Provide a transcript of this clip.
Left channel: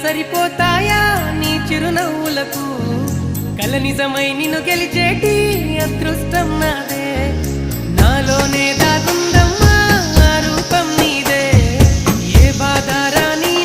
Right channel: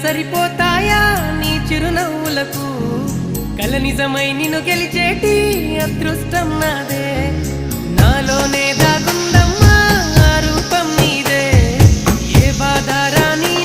సరిపోతాయా నీ చిరునవ్వులకు కల నిజమై నిన్ను గెలిచేటి అదృష్టం నాదే నాలోనే దాగుందమ్మా ఆ రూపం నీదే ఏ బాధ రాని